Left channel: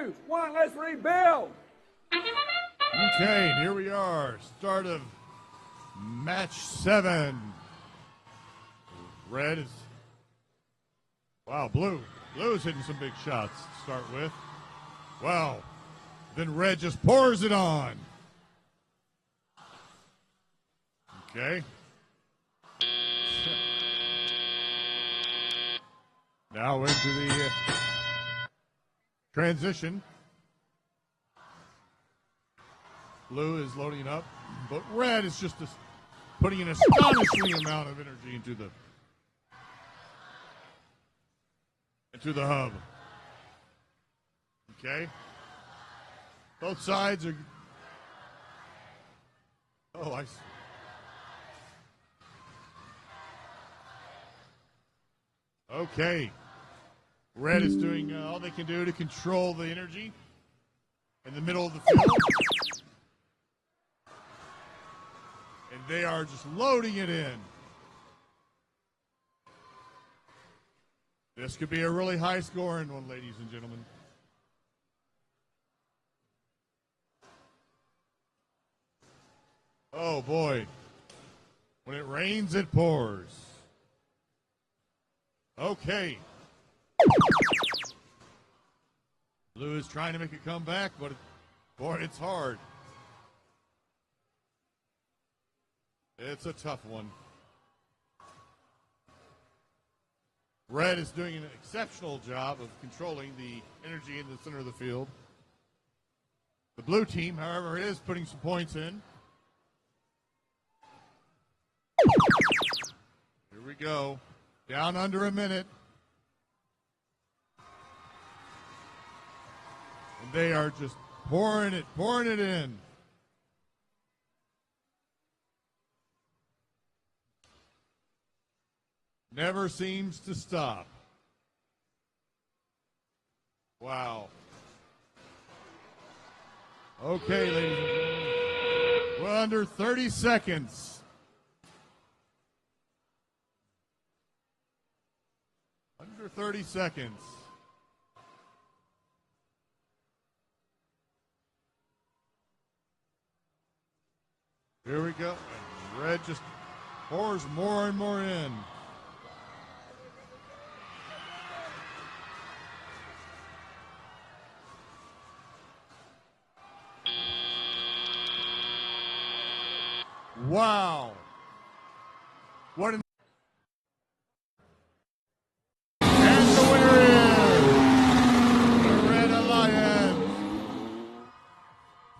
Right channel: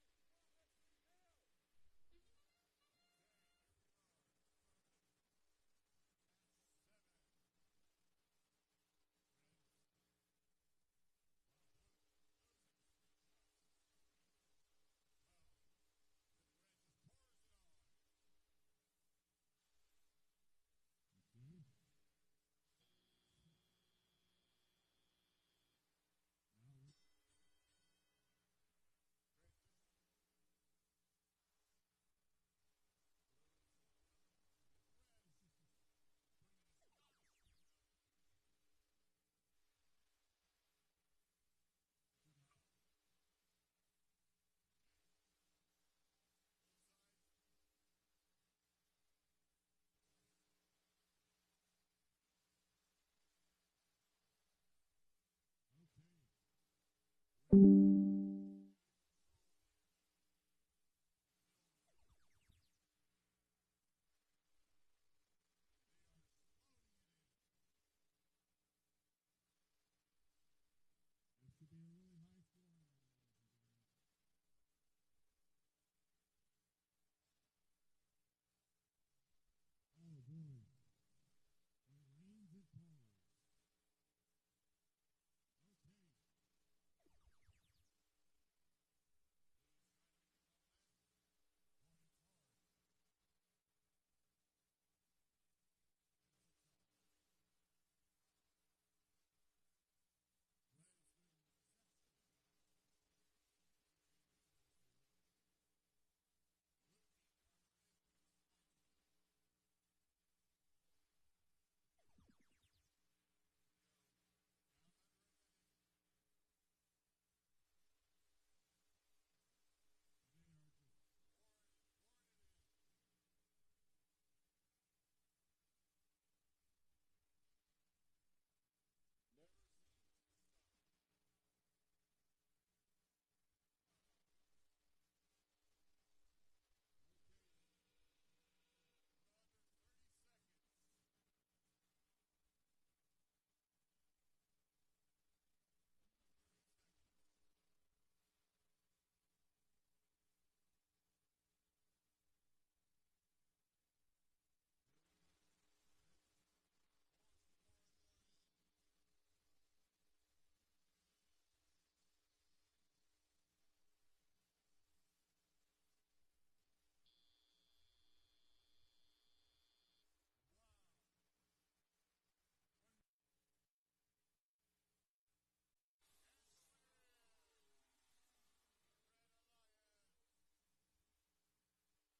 2, 1, let's rebuild. Okay, here we are. Start of match 7. Red is, wow, blue. Blue is hitting some big shots to start with. Wow. Then red just pours it on. Okay. Now into the transition. Blue is loading up, but red is just putting an astonishing amount of energy into the hub. Okay. Both sides are. Oh, I see. Okay. Red is doing all they can do to control the energy in the middle of the field. And they are just loading it in. This could be a really high scoring one, ladies and gentlemen. Oh boy. When it rains, it pours. Okay. Blue is trying to make a comeback, but boy, it's hard. It's a tough one. Red is doing an exceptional job of controlling the energy in the center of the field. The blue team, however, is putting some points in. Here we go. Down under a minute. And they are just pouring it in. Never seems to stop. Wow. Okay, ladies and gentlemen. We're under 30 seconds. Under 30 seconds. Here we go. And red just pours more and more in. Wow. What an and the winner is the Red Alliance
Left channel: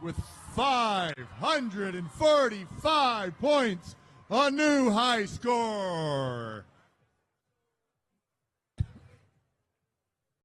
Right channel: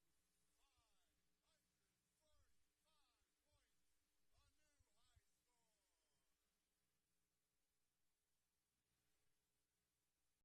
with 545 points, a new high score.